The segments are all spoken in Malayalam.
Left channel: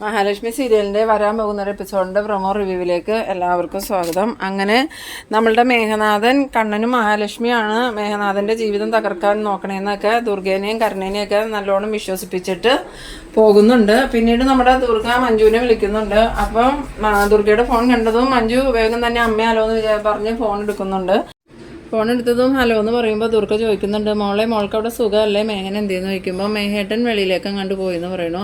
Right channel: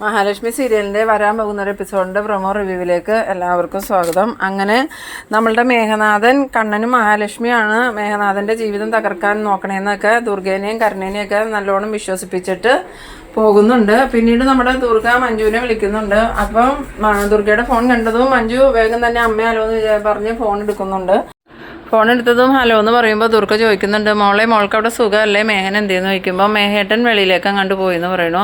മഹാലക്ഷ്മി സീരിയലിന്റെ വരാൻ പോകുന്ന ഒരു എപ്പിസോഡിന്റെ പ്രൊമോ റിവ്യൂവിലേക്ക് എല്ലാവർക്കും സ്വാഗതം. അങ്ങനെ നമ്മളുടെ മേഘനാഥൻ കണ്ണനും മഹാലക്ഷ്മിയാണ് മേഘനാഥന്റെ ജീവിതം തകർക്കാൻ നോക്കണേന്നൊക്കെ ദുർഗേനെയും കരുണേനെയൊക്കെ നല്ലോണം വിശ്വസിപ്പിച്ചിട്ട് പോകുന്നുണ്ട്. പിന്നീട് നമ്മുടെ ദുർഗ മഞ്ജുവിനെ വിളിക്കുന്നുണ്ട്. അപ്പം ദുർഗയുടെ ഫോൺ കണ്ടതും മഞ്ജു വേഗം തന്നെ അമ്മയാലോ എന്ന് പറഞ്ഞ് ഫോൺ എടുക്കുന്നുണ്ട്. ഫോൺ എടുത്തതും ഹലോ എന്ന് പറയുമ്പോൾ ദുർഗ ചോദിക്കുന്നുണ്ട് മോളെ മോൾക്ക് അവിടെ സുഖമല്ലേ? മേഘൻ എന്തേന്ന് ചോദിക്കുമ്പോൾ മേഹേട്ടൻ വെളിയിലേക്ക് അങ്ങോട്ട് പോയി എന്ന് പറയണു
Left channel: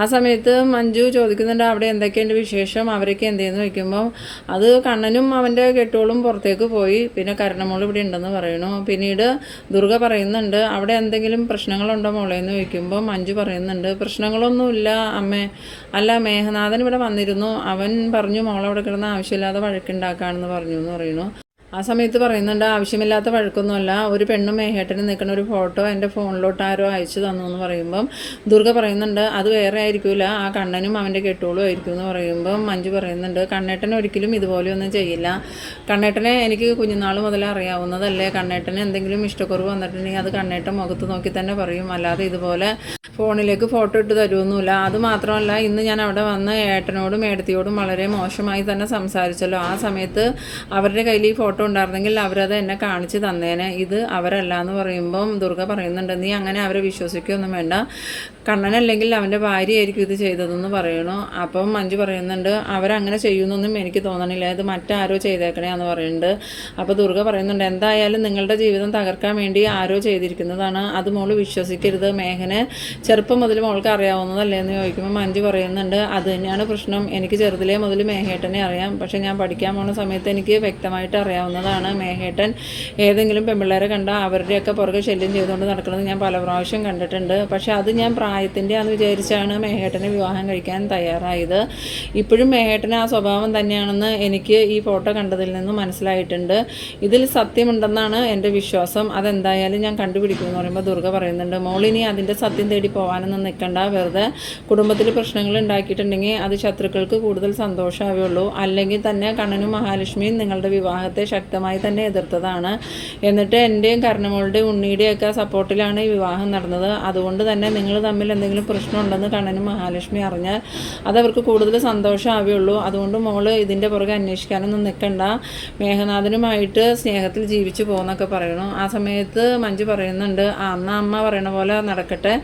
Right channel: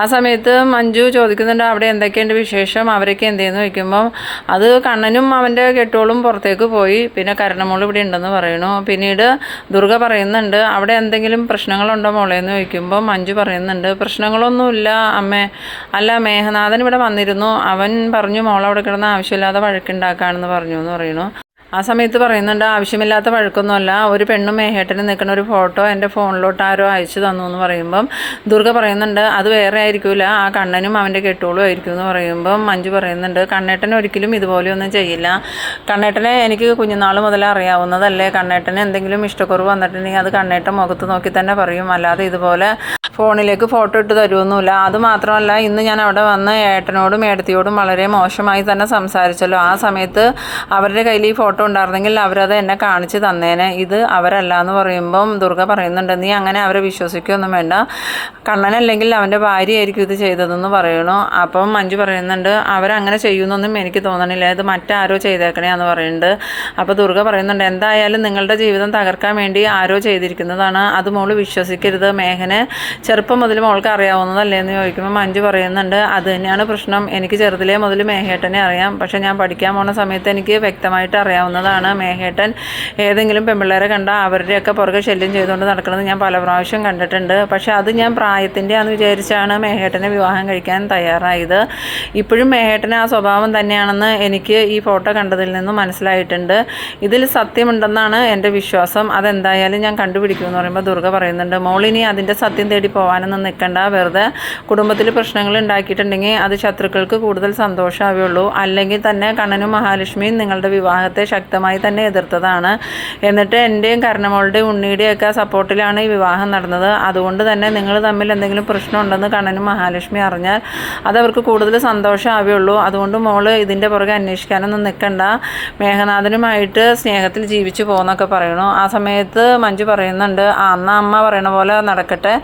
ആ സമയത്ത് മഞ്ജു ചോദിക്കുന്നുണ്ട് അവിടെ എന്തൊക്കെയുണ്ട് വിശേഷം? അവരൊക്കെ എന്തേന്ന് ചോദിക്കുമ്പോൾ അത് കണ്ണനും അവന്റെ കെട്ടോളും പുറത്തേക്ക് പോയി. പിന്നെ കരണമോൾ ഇവിടെ ഉണ്ടെന്ന് പറയണു പിന്നീട് ദുർഗ പറയുന്നുണ്ട് അവിടെ എന്തെങ്കിലും പ്രശ്നങ്ങളുണ്ടോ മോളെ? എന്ന് ചോദിക്കുമ്പോൾ മഞ്ജു പറയുന്നുണ്ട് പ്രശ്നങ്ങളൊന്നുമില്ല അമ്മേ. അല്ല മേഹനാഥൻ ഇവിടെ വന്നിരുന്നു. അവൻ പറഞ്ഞു മോളവിടെ കിടന്ന് ആവശ്യമില്ലാതെ വഴക്കുണ്ടാക്കാണെന്ന് പറഞ്ഞു എന്ന് പറയണു ആ സമയത്ത് പറയുന്നുണ്ട് ആവശ്യമില്ലാത്ത വഴക്കൊന്നുമല്ല. ഒരു പെണ്ണും മേഹേട്ടനും നിൽക്കുന്ന ഒരു ഫോട്ടോ എന്റെ ഫോണിലോട്ട് ആരോ അയച്ചു തന്നു എന്ന് പറയുമ്പം ദുർഗ പറയുന്നുണ്ട് അത് വേറെ ആയിരിക്കില്ല ആ കണ്ണനും അവന്റെ കെട്ടോളും ആയിരിക്കും എന്ന് പറയുമ്പം മഞ്ജു പറയുന്നുണ്ട് കണ്ണേട്ടൻ ഒരിക്കലും ഇതുപോലെയൊന്നും ചെയ്യില്ല. കണ്ണേട്ടനെ എനിക്ക് കുഞ്ഞുനാൾ മുതൽ അറിയാവുന്നതല്ലേ. കണ്ണേട്ടന് എന്തെങ്കിലും ഇഷ്ടക്കുറവ് വന്നിട്ടുണ്ടെങ്കിൽ അത് കണ്ണേട്ടൻ മുഖത്ത് നോക്കി തന്നെ പറയും. അല്ലാതെ ഇതുപോലെ ഫോണിലേക്ക് ഫോട്ടോ ഇട്ട് തരുമൊന്നുമില്ല അത് മാത്രമല്ല ഇന്ന് ഞാൻ അവിടെ വന്ന് ഏട്ടനോടും ഏടത്തിയോടും വളരെ മോശമായി തന്നെ സംസാരിച്ചല്ലോ. ആ സമയത്ത് അവരുടെ കയ്യിൽ ഈ ഫോട്ടോ ഉണ്ടായിരുന്നെങ്കിൽ അവരത് എന്നെ കാണിച്ച് തന്നേനെ. ഇത് അവരല്ല എന്ന് പറയുമ്പം ദുർഗ പറയുന്നുണ്ട് നീ അങ്ങനെ അവരെ വിശ്വസിക്കുകയൊന്നും വേണ്ട. കണ്ണനല്ലെങ്കിൽ അവന്റെ ഭാര്യയായിരിക്കും ഇത് ചെയ്തതെന്ന് പറയണു. അപ്പം മഞ്ജു പറയുന്നുണ്ട് അവരങ്ങനെ ചെയ്യുന്നൊന്നും എനിക്ക് തോന്നണില്ല. ഇത് മറ്റാരോ ചെയ്തേക്കണേ എന്ന് പറയുന്നുണ്ട് അപ്പോൾ ദുർഗ പറയുന്നുണ്ട് എന്തായാലും നിങ്ങളുടെ ജീവിതം തകർക്കാൻ വേണ്ടി ആരോ ചെയ്തിരിക്കുന്നതാണ്. അത് മോൾ വിശ്വസിക്കരുത്. മേഘനെ ചെറുപ്പം മുതൽ മോൾക്ക് അറിയാവുന്നതല്ലേ? എന്ന് ചോദിക്കുമ്പോൾ മഞ്ജു പറയുന്നുണ്ട് അത് തന്നെയാണ് പ്രശ്നം. എനിക്ക് ചെറുതിലേ മുതൽ മേഘേട്ടനെ അറിയാം. പക്ഷേ ഞാൻ പഠിക്കാൻ പോണ സമയത്ത് എനിക്ക് വ്യക്തമായിട്ട് അറിയാവുന്നതാണ് മേഘേട്ടൻ ഏതെങ്കിലും പെൺപിള്ളേരെ കണ്ടാൽ അവരുടെയൊക്കെ പുറകെ ശല്യം ചെയ്തുകൊണ്ട് നടക്കുന്നത് ഞാൻ പല പ്രാവശ്യം കണ്ടിട്ടുണ്ട്. പക്ഷേ അത് ഞാൻ പ്രായത്തിന്റെ ആണെന്ന് വിചാരിച്ചാണ് മേഘേട്ടനെ വിവാഹം കഴിക്കാൻ തയ്യാറായത്. ഇപ്പോഴും മേഘേട്ടന് ആ സ്വഭാവം തന്നെയാണെന്ന് എനിക്ക് ഈ ഫോട്ടോ കണ്ടതിൽ നിന്ന് മനസ്സിലായിട്ടുണ്ട്. ഇതിൽ സത്യമുണ്ടെന്നാണ് എന്റെ വിശ്വാസം. അതെന്തായാലും ഞാൻ കണ്ടുപിടിക്കുമെന്ന് പറയുമ്പോൾ ദുർഗ പറയുന്നുണ്ട് മോളിനി അതിന്റെ സത്യം തേടി പോകാനൊന്നും നിൽക്കണ്ട. വെറുതെ കുടുംബത്തിൽ പ്രശ്നങ്ങൾ ഉണ്ടാക്കിയിട്ടുണ്ടെങ്കിൽ അത് ശത്രുക്കൾക്ക് കൂടുതൽ സന്തോഷമാവുള്ളൂ അല്ലെങ്കിൽ തന്നെ കണ്ണനും മഹാലക്ഷ്മിയും നിങ്ങളുടെ വിവാഹത്തെ ശക്തമായി തന്നെ എതിർത്തതാണ്. എന്നിട്ട് എന്റെയും കർണമോളുടെയും ഉണ്ണിയുടെയൊക്കെ സപ്പോർട്ടിലാണ് ഈ വിവാഹം നടന്നത്. അതുകൊണ്ട് തന്നെ നിങ്ങൾ തമ്മിൽ എന്തെങ്കിലും പ്രശ്നമുണ്ടെന്ന് കണ്ണനും മഹാലക്ഷ്മി അറിഞ്ഞാൽ അതവർക്ക് കൂടുതൽ സന്തോഷമാവുകയുള്ളൂ. അതുകൊണ്ട് മോൾ ഇതിന്റെ പുറകെ അന്വേഷിക്കാനൊന്നും നിൽക്കണ്ട. മേഘനാഥനുമായിട്ട് സ്നേഹത്തിൽ ജീവിച്ചു പോകുന്നൊക്കെ പറയണു. ആ സമയത്ത് മഞ്ജു പറയുന്നുണ്ട് ആ അന്ന അമ്മ പറയണ പോലെ നടക്കട്ടെ.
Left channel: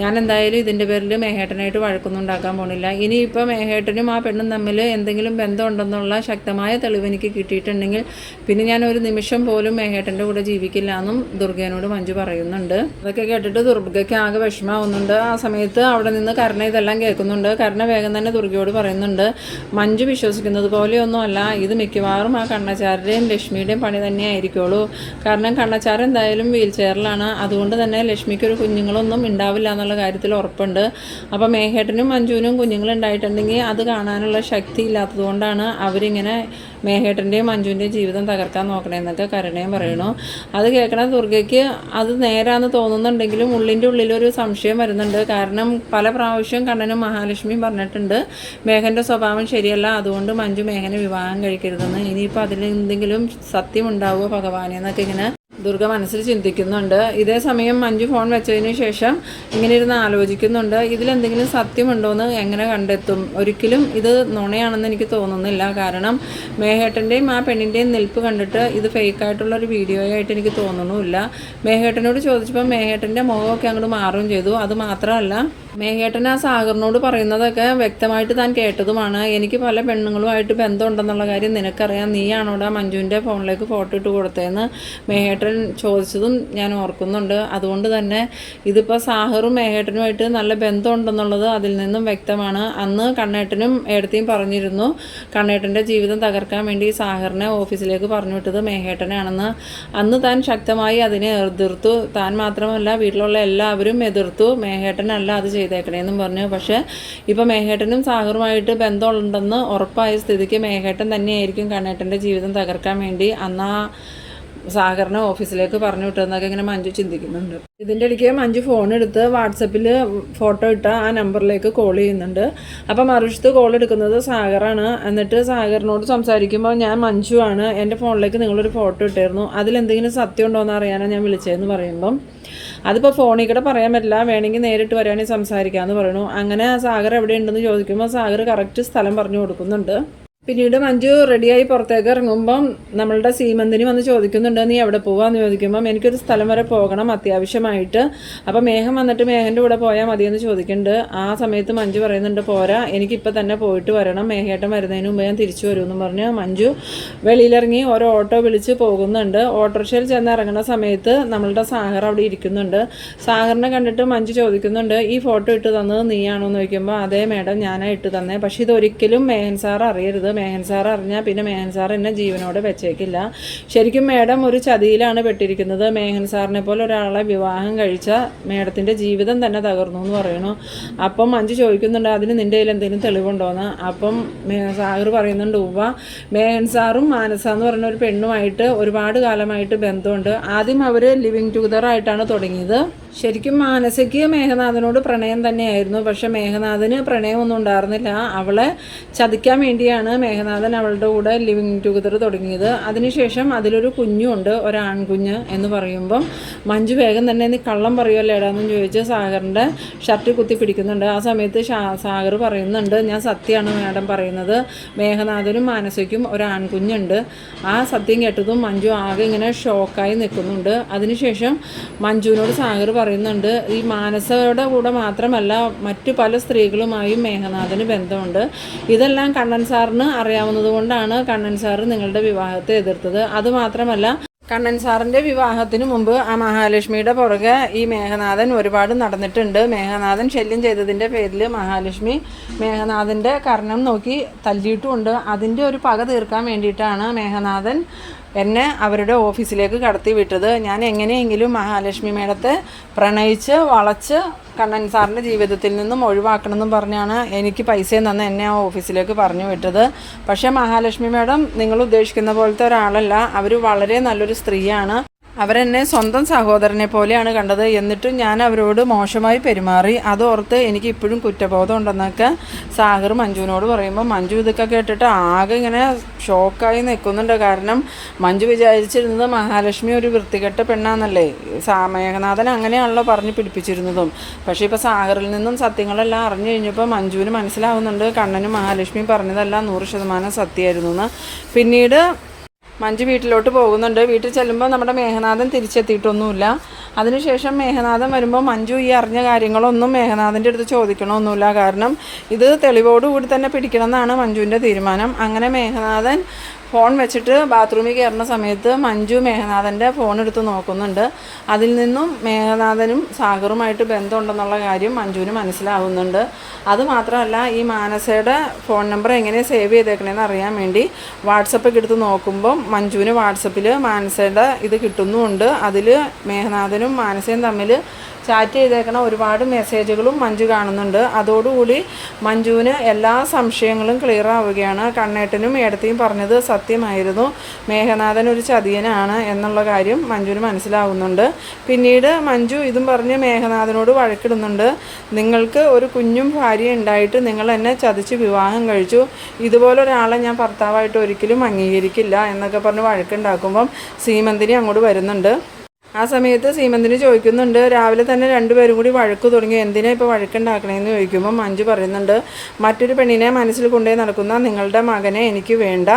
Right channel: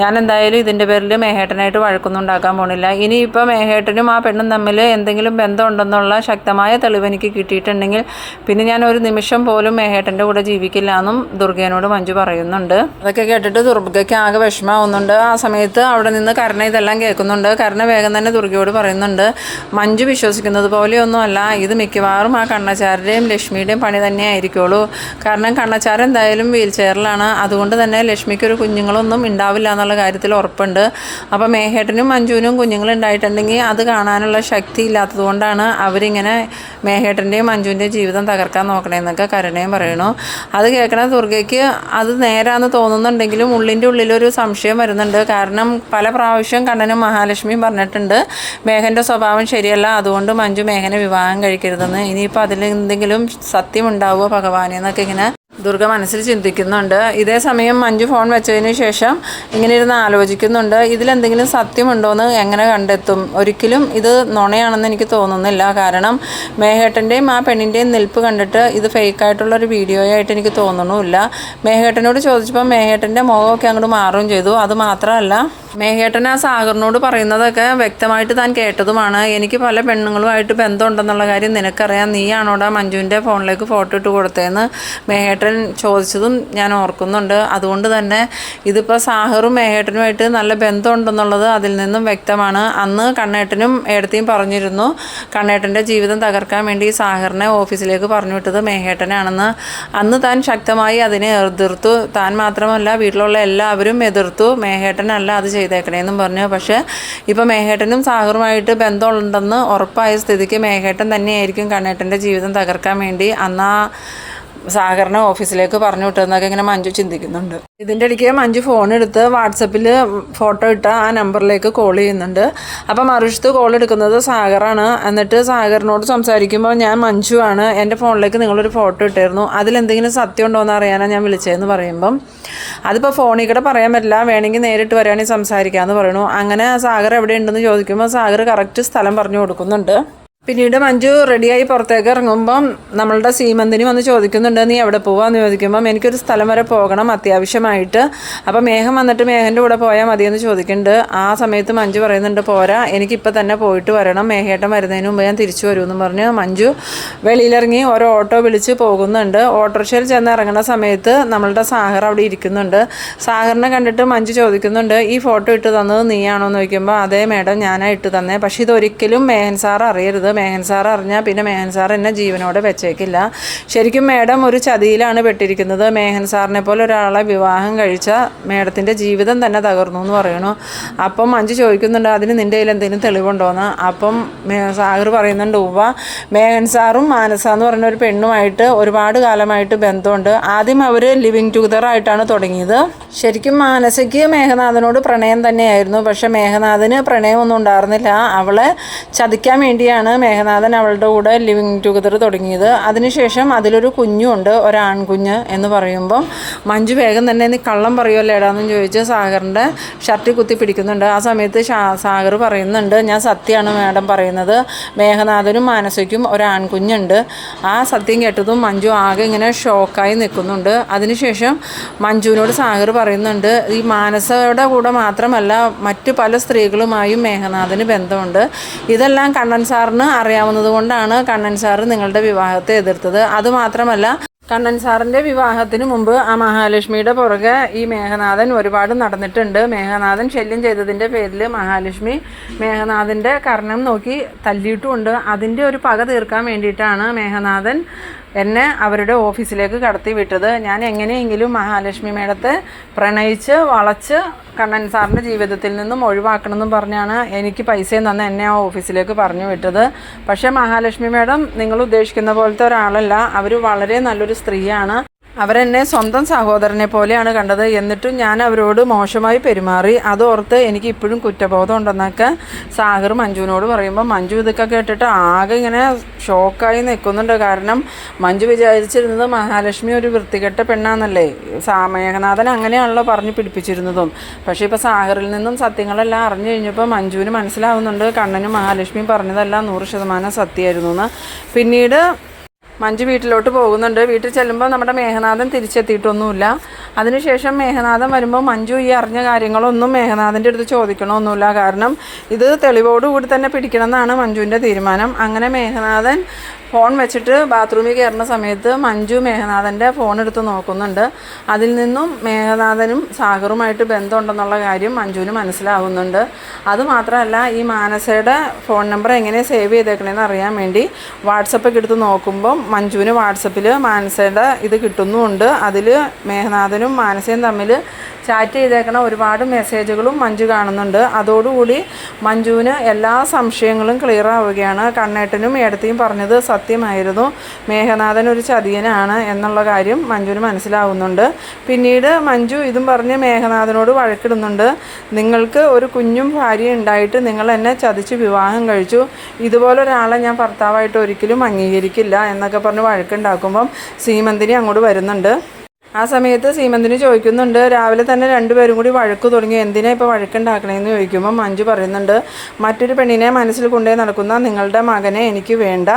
ഞാൻ എന്തായാലും ഇതിന്റെ പേരിൽ മേഹേട്ടനായിട്ട് വഴക്കൊന്നും ഉണ്ടാക്കാൻ പോണില്ല. ഇനിയിപ്പോൾ മേഹേട്ടനും ആ പെണ്ണും തമ്മിൽ എന്തെങ്കിലും ബന്ധമുണ്ടെന്നുള്ള ശക്തമായ തെളിവ് എനിക്ക് കിട്ടിയിട്ടുണ്ടെങ്കിൽ പിന്നെ ഞാൻ ഒരു നിമിഷം പോലും മേഹേട്ടന്റെ കൂടെ ജീവിക്കില്ല എന്നും ദുർഗേനോട് മഞ്ജു പറയുന്നുണ്ട്. അതൊക്കെ കേട്ടിട്ട് ദുർഗയ്ക്ക് ആകെ വിഷമാവുന്നുണ്ട് ആ സമയത്ത് അവിടെ നിന്ന് കരുണ ഇതെല്ലാം കേൾക്കുന്നുണ്ട്. കരുണ വേഗം തന്നെ ദുർഗയോട് പറയുന്നുണ്ട്. മഞ്ജു വിശ്വസിക്കുന്നത് പോലെയൊന്നുമല്ല. ഇത് മിക്കവാറും ആ കണ്ണച്ചാരുടെയും ലക്ഷ്മിയുടെയും പണി തന്നെ ആയിരിക്കുള്ളൂ കാരണം കണ്ണച്ചാർ എന്തായാലും വീൽ ചെയറിലാണ്. അതുകൊണ്ട് തന്നെ ലക്ഷ്മിക്കൊരു കുഞ്ഞുങ്ങളൊന്നും ഉണ്ടാവില്ല എന്നുള്ള കാര്യത്തിൽ ഉറപ്പുണ്ട്. അപ്പോൾ മേഹേട്ടനും മഞ്ജുവിനും കുഞ്ഞുങ്ങളുണ്ടായിട്ടുണ്ടെങ്കിൽ അത് കാണാനുള്ള ശക്തി ഇല്ലാത്തതുകൊണ്ടാണ് അവരിങ്ങനെ മേഹേട്ടന്റെയും മഞ്ജുവിന്റെയും ജീവിതം തകർക്കാൻ നോക്കണേന്നൊക്കെ കരുണയും പറയണു. അത് കേൾക്കണ ദുർഗയ്ക്ക് അത് നേരാന്ന് തോന്നുന്നുണ്ടെങ്കിലും ഉള്ളിന്റെ ഉള്ളിലൊരു സംശയം വരുന്നുണ്ട്. കാരണം പല പ്രാവശ്യം കണ്ണനും മഹാലക്ഷ്മിയും പറഞ്ഞിട്ടുണ്ട് മേഘന്റെ സ്വഭാവം ശരിയല്ല അതുകൊണ്ട് മഞ്ജു മേഘനെ വിവാഹം കഴിക്കരുതെന്ന്. ഇനിയിപ്പോൾ അതിൽ എന്തെങ്കിലും സത്യം ഉണ്ടാവുമോ ഭഗവാനെ എന്നൊക്കെ ഇങ്ങനെ ദുർഗ മനസ്സിൽ ചിന്തിക്കുന്നുണ്ട്. ഇതേ സമയം മഞ്ജു ഫോൺ വെച്ചതിന് ശേഷം ഇങ്ങനെ ഇരുന്ന് ആലോചിക്കുന്നുണ്ട്. ഇതിലെന്തെങ്കിലും സത്യമുണ്ടോയെന്ന് എങ്ങനെ കണ്ടെത്തും? ഒരിക്കലും ഇത് നുണയാണെന്ന് എനിക്ക് തോന്നുന്നില്ല. കാരണം മേഹേട്ടന്റെയും ആ പെണ്ണിന്റെയും നിൽപ്പ് കണ്ടിട്ട് ഇത് ഫേക്കായിട്ടുള്ള ഒരു വീഡിയോ ആയിട്ട് എനിക്ക് തോന്നണമില്ല. മേഹേട്ടനോട് ചോദിച്ചപ്പോൾ മേഹേട്ടന്റെ മുഖമൊക്കെ അങ്ങോട്ട് മാറുകയും ചെയ്തു. അത് മാത്രമല്ല മേഘേട്ടൻ ആ സാഗറിനോട് പറയുന്നതൊക്കെ വ്യക്തമായിട്ട് താൻ കേട്ടതുമാണ്. എനിക്ക് പല പെണ്ണുങ്ങളുമായിട്ട് ബന്ധമുണ്ടെന്നുള്ള കാര്യം നിനക്കറിയാം. നീയാണോടാ മഞ്ജുവിന്റെ ഫോണിലേക്ക് ഫോട്ടോ ഇട്ട് കൊടുത്തതെന്ന് മേഘേട്ടൻ ചോദിച്ചതും ഞാൻ ഓർക്കുന്നുണ്ട്. അതുകൊണ്ട് തന്നെ ഇതിപ്പോൾ സാഹറും മേഘേട്ടനുമായിട്ട് നല്ല ബന്ധമുണ്ടെന്നുള്ളത് അതിൽ നിന്നും വ്യക്തമാണ്. അന്ന് കണ്ണേട്ടനും ഏടത്തെയും പറഞ്ഞിരുന്നു. കണ്ണേട്ടന്റെ ജീവിതം തകർക്കാൻ വേണ്ടി സാഹറിനെ ഓഫീസിലേക്ക് പറഞ്ഞു വിട്ടത് മേഘേട്ടനാണെന്ന് അന്ന് താൻ ശക്തമായി അതിനെ എതിർത്തു. താൻ മാത്രമല്ല വീട്ടിലുള്ള എല്ലാവരും എതിർത്തു. മേഘേട്ടനല്ല അത് ചെയ്തേക്കണേന്നും പറഞ്ഞു. പക്ഷേ ഇപ്പോൾ മേഘേട്ടനും സാഗറുമായിട്ട് ബന്ധമുണ്ടെന്ന് ഉറപ്പായ സ്ഥിതിക്ക് മേഘേട്ടൻ തന്നെയായിരിക്കും കണ്ണേട്ടന്റെ ജീവിതം തകർക്കാൻ വേണ്ടി അന്ന് സാഗറിനെ ഓഫീസിലേക്ക് പറഞ്ഞു വിട്ടതെന്നൊക്കെ ഇങ്ങനെ മഞ്ജു ചിന്തിക്കുന്നുണ്ട്. ഇതിന്റെ ഇടയ്ക്ക് മഞ്ജു ഫോൺ എടുത്ത് വാട്സപ്പിൽ ഫോട്ടോ ഇട്ട ആ നമ്പറിലേക്ക് കോൾ ചെയ്യുന്നുണ്ട്. അപ്പം മറുവശത്ത് കോൾ എടുക്കുന്നത് സാഗറാണ്. എന്നിട്ട് സാഗറിനോട് സംസാരിക്കുമ്പോൾ ഞാൻ മഞ്ജു ആണ്. എന്റെ ഫോണിലേക്ക് നിങ്ങളൊരു ഫോട്ടോ ഇട്ടായിരുന്നു അതിലെന്തെങ്കിലും സത്യം ഉണ്ടോ എന്ന് അറിയാനാണ് ഞാൻ വിളിച്ചതെന്ന് പറയുമ്പം അതിപ്പോൾ ഫോണിൽ കൂടെ പറയാൻ പറ്റില്ല. വേണമെങ്കിൽ നേരിട്ട് വരികയാണെങ്കിൽ സംസാരിക്കാമെന്ന് പറയണു. അങ്ങനെ സാഗർ എവിടെ ഉണ്ടെന്ന് ചോദിക്കുമ്പോൾ സാഗർ കറക്റ്റ് സ്ഥലം പറഞ്ഞു കൊടുക്കുന്നുണ്ട്. പിന്നീട് മഞ്ജു റെഡിയായി പുറത്തേക്ക് ഇറങ്ങുമ്പം നമ്മളുടെ സീമന്തിനി വന്ന് ചോദിക്കുന്നുണ്ട് നീ എവിടെ പോവാന്ന് ചോദിക്കുമ്പം എനിക്കൊരു സ്ഥലം വരെ പോകണം അത്യാവശ്യമായിട്ട്. അപ്പം മേഘം വന്നിട്ട് മേഘന്റെ കൂടെ പോയാൽ മതിയെന്ന് ചോദിക്കുന്നുണ്ട്. ആ സമയത്ത് മഞ്ജു പറയുന്നുണ്ട് പോരാ എനിക്കിപ്പോൾ തന്നെ പോയിട്ട് വരണം. മേഘേട്ടൻ വരുന്നതിന് മുമ്പ് ഞാൻ തിരിച്ചു വരുമെന്ന് പറഞ്ഞ് മഞ്ജു വെളിയിലിറങ്ങി ഓരോ ഓട്ടോ വിളിച്ച് പോകുന്നുണ്ട്. ഓട്ടോറിക്ഷയിൽ ചെന്ന് ഇറങ്ങുന്ന സമയത്ത് നമ്മളുടെ സാഹർ അവിടെ ഇരിക്കുന്നുണ്ട്. സാഹറിനെ കണ്ടിട്ട് മഞ്ജു ചോദിക്കുന്നുണ്ട് ഈ ഫോട്ടോ ഇട്ട് തന്നത് നീയാണോ എന്ന് ചോദിക്കുമ്പോൾ അതേ മേഡം ഞാനായിട്ട് തന്നെ. പക്ഷേ ഇതൊരിക്കലും മേഹൻ സാർ അറിയരുത്. മേഹൻ സാർ അറിഞ്ഞാൽ പിന്നെ മേഹൻ സാർ എന്നെ ജീവനോടെ വെച്ചേക്കില്ല. ശരിക്കും മേഡം ഒരു ചതിയിലാണ് പെട്ടിരിക്കുന്നത്. മേഹൻ സാറിനെ പോലെ ഒരാളെ വിവാഹം കഴിച്ച മേഡത്തിന്റെ ജീവിതം തന്നെ തകർന്നു എന്ന് പറയണു. അപ്പം മഞ്ജു ചോദിക്കുന്നുണ്ട് അതിന് നിന്റെ കയ്യിൽ എന്തെങ്കിലും തെളിവുണ്ടോയെന്ന് അപ്പം സാഗർ പറയുന്നുണ്ട് ഉവ്വ. മേഹൻ സാറും മാനസ എന്ന് പറയുന്ന ഒരു പെണ്ണുമായിട്ട് ഒരുപാട് കാലമായിട്ട് ബന്ധമുണ്ട്. ആദ്യം അവർ ലിവിങ് ടുഗദർ ആയിട്ടാണ് തുടങ്ങിയത്. ശരിക്കും മാനസയ്ക്ക് മേഘനാഥനോട് പ്രണയം തന്നെയായിരുന്നു. പക്ഷേ മേഘനാഥന് പ്രണയമൊന്നും ഉണ്ടായിരുന്നില്ല. അവളെ ചതിക്കാൻ വേണ്ടിയാണ് മേഘനാഥൻ അവളുടെ കൂടെ ലിവിങ് ടുഗദർ തുടങ്ങിയത്. അതിനുശേഷം അതിലൊരു കുഞ്ഞുണ്ട് ഒരാൺകുഞ്ഞ് എന്ന് പറയുമ്പം മഞ്ജു വേഗം തന്നെ നീ കള്ളം പറയുമല്ലോ ഏടാന്നും ചോദിച്ച് സാഗറിന്റെ ഷർട്ടിൽ കുത്തി പിടിക്കുന്നുണ്ട്. ആ സമയത്ത് സാഗർ പറയുന്നുണ്ട് ഞാൻ സത്യമാണ് മാഡം പറയുന്നത്. മേഘനാഥനും മാനസയ്ക്കും ഒരാൺകുഞ്ഞുണ്ട്. ആ സത്യം കേട്ടതും മഞ്ജു ആകെ ഇങ്ങനെ ഷോക്കായി നിൽക്കുന്നുണ്ട്. അതിനുശേഷം മഞ്ജുവിനോട് സാഗർ പറയുന്നുണ്ട് ഈ മാനസയുടെ കൂടെ മാത്രമല്ല മറ്റു പല സ്ത്രീകളുമായും മേഘനാഥന് ബന്ധമുണ്ട്. ഇതെല്ലാം കണ്ണൻ സാറിന് അറിയാവുന്നത് കൊണ്ടാണ് കണ്ണൻ സാറ് നിങ്ങളുടെ വിവാഹത്തെ എതിർത്തത്. അതുമാത്രമല്ല കണ്ണൻ സാറിന്റെ വിവാഹത്തിന് മുമ്പ് ആ മഹാലക്ഷ്മിയുടെ പുറകെ ഈ മേഘനാഥൻ ഒരുപാട് നടന്നിട്ടുണ്ട്. മേഘനാഥൻ ശല്യം ചെയ്തതിന്റെ പേരിൽ മഹാലക്ഷ്മി മേഘനാഥന്റെ കർണം നോക്കി തല്ലിയിട്ടുമുണ്ട്. അതിന്റെ ഒരു പക തീർക്കാൻ വേണ്ടിയിട്ടാണ് മേഘനാഥൻ എന്നെ അവരുടെ ഓഫീസിലേക്ക് കടത്തി വിട്ടത്. ഞാൻ എങ്ങനെയെങ്കിലും മഹാലക്ഷ്മി മേഡത്തെ പ്രണയിച്ച് വളച്ച് കണ്ണൻ സാറിന്റെ ജീവിതത്തിൽ നിന്നും ഒഴിവാക്കണമെന്നും പറഞ്ഞാണ് എനിക്ക് പൈസയും തന്ന് എന്നെ ആ ഓഫീസിലേക്ക് പറഞ്ഞു വിട്ടത്. പക്ഷേ മഹാലക്ഷ്മി മേഡം നിങ്ങൾ ഉദ്ദേശിക്കുന്ന പോലത്തെ ഒരാളല്ല. അവർ വളരെ നല്ലൊരു സ്ത്രീയാണ്. അവരെന്നെ സ്വന്തം സഹോദരനെ പോലെയാണ് കണ്ടത്. എന്നിട്ടും ഞാൻ അവരോട് മോശമായി പെരുമാറി. അതോർത്ത് എനിക്ക് ഇപ്പോഴും കുറ്റബോധം ഉണ്ടെന്നൊക്കെ സാഗർ മഞ്ജുവിനോട് പറയുമ്പോൾ മഞ്ജു ഇതൊക്കെ കേട്ടിട്ട് ആകെ ഇങ്ങനെ ഷോക്കായി നിൽക്കുന്നുണ്ട്. കാരണം മഞ്ജു വിചാരിച്ചിരുന്നത് മഹാലക്ഷ്മി ഒരു വൃത്തികെട്ട പെണ്ണാന്നല്ലേ? സാമേഘനാഥൻ അങ്ങനെയാണല്ലോ പറഞ്ഞു പിടിപ്പിച്ചിരുന്നതും. പക്ഷേ ഇപ്പോൾ സാഹറിൽ നിന്നും സത്യങ്ങളെല്ലാം അറിഞ്ഞു കഴിഞ്ഞപ്പോൾ മഞ്ജുവിന് മനസ്സിലാവുന്നുണ്ട് കണ്ണനും മഹാലക്ഷ്മിയും പറഞ്ഞതെല്ലാം നൂറ് ശതമാനം സത്യമായിരുന്നു എന്ന്. പിന്നീട് മഞ്ജു വീട്ടിലോട്ട് പോകുന്നുണ്ട്. വീട്ടിൽ ചെല്ലുമ്പോൾ നമ്മുടെ മേഘനാഥൻ തിരിച്ചെത്തിയിട്ടൊന്നുമില്ല. അതിനുശേഷം മേഘനാഥൻ വരുമ്പോൾ മഞ്ജു ഈ അറിഞ്ഞ കാര്യങ്ങളൊന്നും മേഘനാഥന്റെ അടുത്ത് ചോദിക്കണമൊന്നുമില്ല. കാരണം ഇത് തെളിവോടുകൂടി തന്നെ പിടിക്കണമെന്നാണ് മഞ്ജുവിന്റെ തീരുമാനം. അങ്ങനെ മേഘനാഥൻ ഫോൺ വെച്ചിട്ട് ബാത്റൂമിൽ കയറുന്ന സമയത്ത് മഞ്ജു മേഘനാഥന്റെ ഫോൺ എടുത്ത് നോക്കുന്നുണ്ട്. അതിൽ നിന്നും മേഘനാഥനും സാഗറുമായിട്ട് ബന്ധമുണ്ടെന്നുള്ള കാര്യം മഞ്ജുവിന് മനസ്സിലാവുന്നുണ്ട്. അതുമാത്രമല്ല ഈ മാനസയുടെ ഫോൺ നമ്പർ എങ്ങനെ സേവ് ചെയ്തേക്കണേന്ന് അറിയാൻ വേണ്ടി വാട്സപ്പൊക്കെ എടുത്ത് നോക്കുമ്പം മഞ്ജുവിന് വാട്സപ്പിൽ മാനസയുടെ ഇത് കിട്ടുന്നുമുണ്ട്. അതിൽ മേഘനാഥനും മാനസയും തമ്മിൽ ചാറ്റ് ചെയ്തേക്കണ ഒരുപാട് മെസ്സേജുകളും മഞ്ജു കാണുന്നുണ്ട്. അതോടുകൂടി മഞ്ജുവിന് എല്ലാ സംശയങ്ങളും ക്ലിയർ ആവുകയാണ്. കണ്ണേട്ടനും ഏടത്തെയും പറഞ്ഞത് സത്യമായിരുന്നു. മേഘനാഥൻ ഒരു ചതിയനാണ് എന്നുള്ള കാര്യം മഞ്ജുവിന് മനസ്സിലാവുന്നുണ്ട്. പിന്നീട് മഞ്ജു ഇതും പറഞ്ഞ് മേഘനാഥനോട് വഴക്കിടുന്നുണ്ട്. നിങ്ങൾക്ക് ഒരു കുഞ്ഞും ഭാര്യ ഉണ്ടായിട്ട് നിങ്ങൾ എന്നെ ചതിച്ച് വിവാഹം കഴിച്ചു. ഇതുപോലെ ഒരാളെ ഞാൻ ഭർത്താവായിട്ട് ഒരിക്കലും അംഗീകരിക്കില്ല എന്നൊക്കെ പറഞ്ഞ് വഴക്കുണ്ടാക്കുമ്പം സീമന്തിനി അങ്ങോട്ട് വരുന്നുണ്ട്. ആ സമയത്ത് സീമന്തിന് ചോദിക്കുന്നുണ്ട് രാവിലെ തന്നെ രണ്ടുപേരും കൂടി വഴക്ക് തുടങ്ങി എന്തിനാ ഇപ്പോൾ വഴക്കുണ്ടാക്കണേന്ന് ചോദിക്കുമ്പോൾ മഞ്ജു പറയുന്നുണ്ട് മറ്റൊരു പെണ്ണിനെ മനസ്സിൽ കൊണ്ടേ നടക്കുന്ന നിങ്ങളുടെ മകനെ എനിക്ക് വേണ്ട.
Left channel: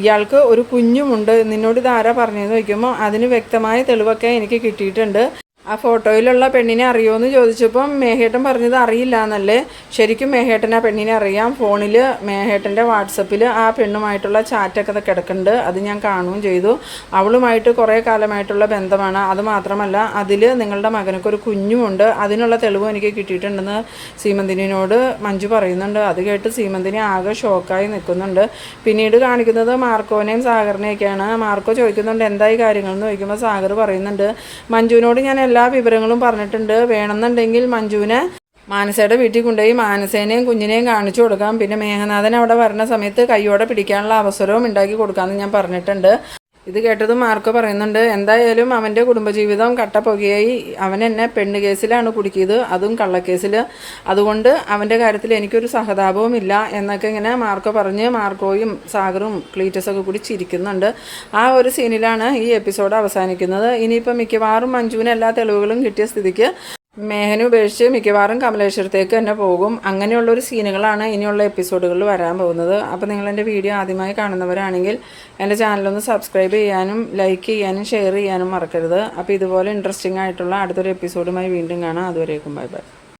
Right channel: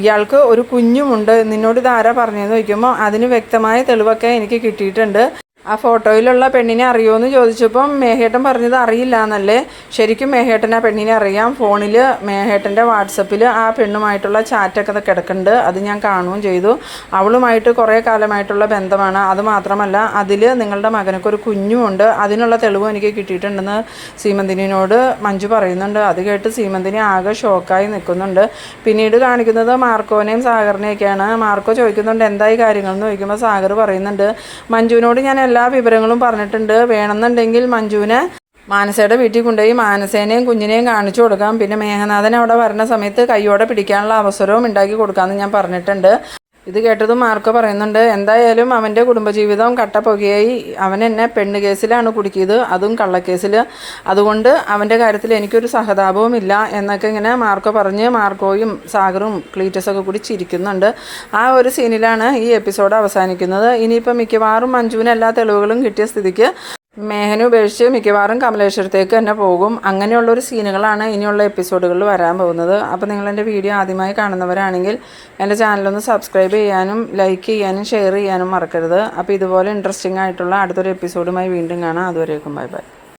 ഇയാൾക്ക് ഒരു കുഞ്ഞുമുണ്ട്. നിന്നോട് ഇതാരാ പറഞ്ഞതെന്ന് ചോദിക്കുമ്പോൾ അതിന് വ്യക്തമായ തെളിവൊക്കെ എനിക്ക് കിട്ടിയിട്ടുണ്ട്. ആ ഫോട്ടോയിലുള്ള പെണ്ണിനെ അറിയുമോ എന്ന് ചോദിച്ചപ്പം മേഹേട്ടൻ പറഞ്ഞത് അറിയില്ല എന്നല്ലേ ശരിക്കും മേഹേട്ടൻ ആ പെണ്ണിനെ അറിയാം. ഫോണിൽ മേഹേട്ടന്റെ വാട്സപ്പിൽ ആ പെണ്ണുമായിട്ടുള്ള ചാറ്റൊക്കെ കിടക്കുന്നുണ്ട്. അത് ഞാൻ കാണുകയും ചെയ്തു. അവളുമായിട്ട് കുറേ കാലമായിട്ടുള്ള ബന്ധമാണ്. അത് മാത്രമല്ല അതിൽ നിങ്ങളുടെ മകനൊക്കെ ഒരു കുഞ്ഞുമുണ്ട്. അതിനുള്ള തെളിവും എനിക്ക് കിട്ടിയിട്ടുണ്ടെന്ന് സീമന്തിനിയോട് മഞ്ജു പറയുന്നുണ്ട്. അത് കേട്ട് സീമന്തിനി ആകെ ഷോക്കായി നിൽക്കുന്നുണ്ട്. പിന്നീട് കാണിക്കുന്നത് മാർക്കോനെയും സാഗറിനെയൊക്കെയാണ്. മാർക്കോ ചോദിക്കുന്നുണ്ട് എന്തായി കാര്യങ്ങൾ എന്ന് ചോദിക്കുമ്പോൾ സാഗർ പറയുന്നുണ്ട് മഞ്ജുവിനോട് ഞാൻ എല്ലാ വിവരങ്ങളും പറഞ്ഞിട്ടുണ്ട്. വേണമെന്നുണ്ടെങ്കിൽ മഞ്ജുവിനെ മാനസയുടെ വീട്ടിൽ കൊണ്ടുപോയി മാനസേനെയും കുഞ്ഞിനെയും കാണിച്ചു കൊടുക്കാം. പിന്നെ മേഘനാഥൻ അവിടെ വരുന്ന സമയത്ത് കൈയോടെ പിടിക്കാനുള്ള അവസരവും ഉണ്ടാക്കി കൊടുക്കാമെന്ന് ഞാൻ പറഞ്ഞിട്ടുണ്ട്. ഇത് കേട്ടതും മാർക്കോ പറയുന്നുണ്ട് എന്തായാലും അവന്റെ കുടുംബജീവിതം കട്ടപ്പുകയായി. അവൻ എന്നെ പെണ്ണ് കേസിലാണ് കുടുക്കിയത് അതും കള്ളക്കേസിൽ അതുകൊണ്ട് അവന്റെ കാര്യത്തിൽ എനിക്കൊരു സഹതാപവും ഇല്ല എന്നൊക്കെ ഇങ്ങനെ മാർക്കോ പറഞ്ഞ് മാർക്കോയും സാഗറും ക്ലീറ്റസൊക്കെ കൂടി ചിരിക്കുന്നുണ്ട്. ആ ഒരു സീനിലാണ് ഈ എപ്പിസോഡ് അവസാനിക്കുന്നത്. ഇനിയിപ്പോൾ മിക്കവാറും മഞ്ജുവിന് എല്ലാ തെളിവുകളും കിട്ടിയ സ്ഥിതിക്ക് മേഹന ഉപേക്ഷിച്ച് മിക്കവാറും കമലേശ്വരത്തേക്ക് തന്നെ പോകും. അങ്ങനെയുള്ള ഒരു സീനുകളാണ് ഇനിയുള്ള എപ്പിസോഡുകളിൽ വരാൻ പോകുന്നത്. അപ്പോൾ നിങ്ങൾ എന്റെ വീഡിയോ ആദ്യമായി കാണുന്നവരാണെങ്കിൽ എന്റെ ചാനലൊന്ന് സബ്സ്ക്രൈബ് ചെയ്യാനും ലൈക്ക് ചെയ്യാനും ഷെയർ ചെയ്യാനും മറക്കരുത്. അപ്പോൾ ഇതുപോലെ ഇൻട്രസ്റ്റിംഗ് ആയിട്ടുള്ള അടുത്തൊരു എപ്പിസോഡുമായി വീണ്ടും കാണാം. അതുവരേക്കും ബൈ ബൈ.